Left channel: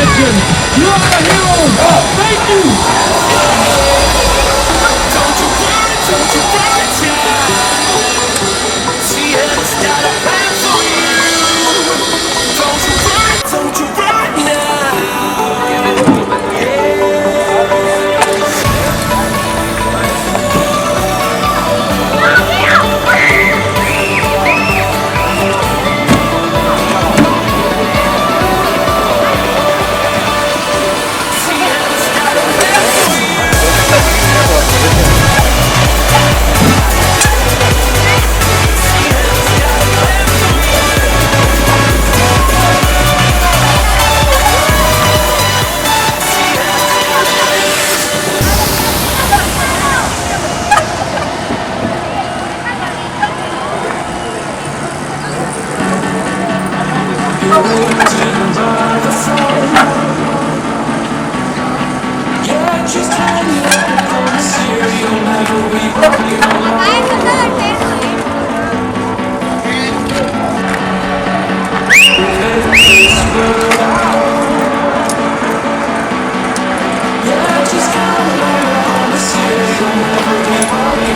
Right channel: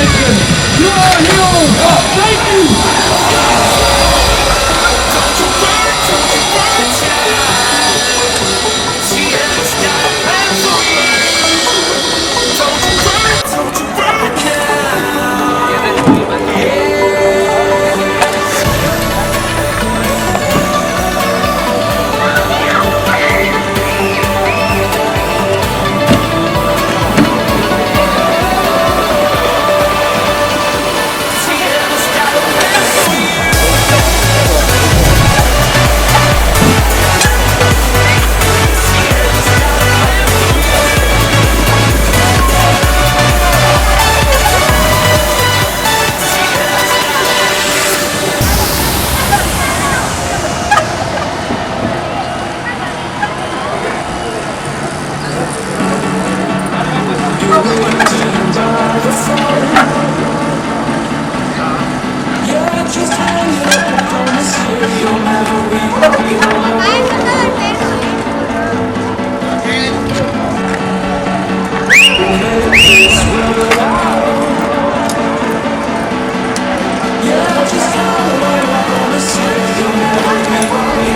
legend. You are a hero. Thank you. Don't you worry, child. She has got a plan for you. Don't you worry now. She has got a plan for you. She has got a plan for you. She has got a plan. Yeah, just hang up on the serial, never be Yeah, just hang up on the serial, never be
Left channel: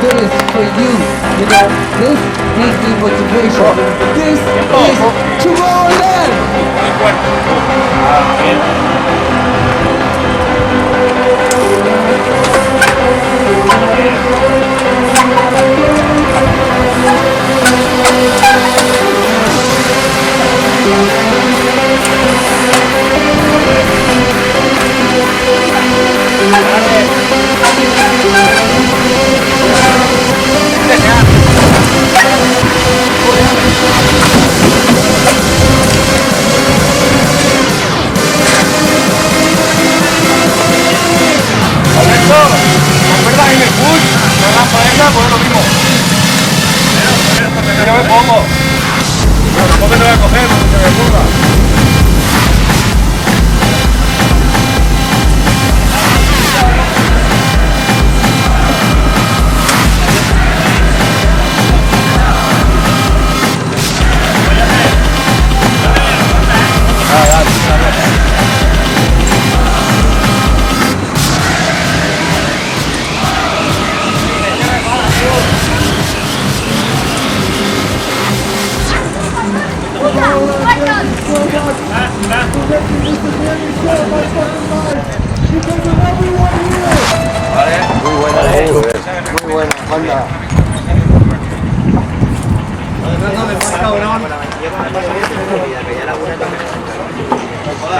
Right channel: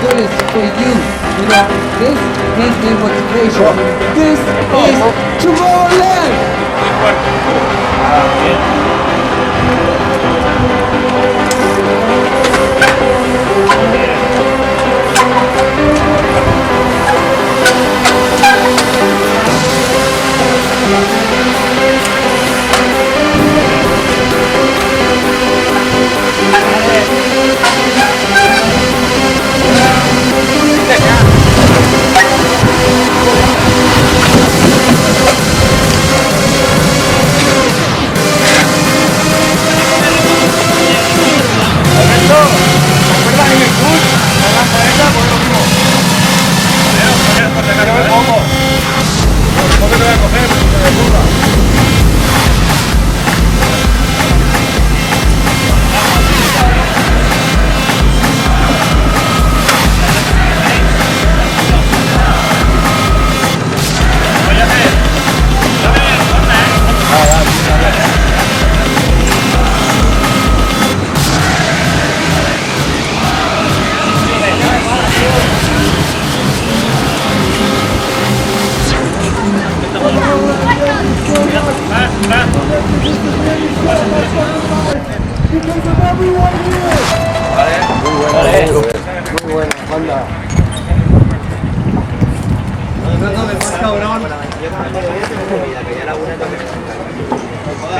do this for you. You know, this gives me motivation. This is Tomorrowland. ¿Por qué te voy a coger? No se me ocurra. Muy buena, banda.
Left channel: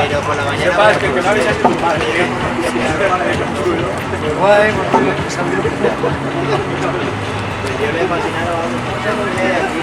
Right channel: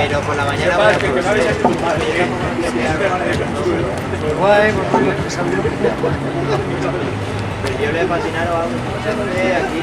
Pero por la mañana yo le he patinado a aquí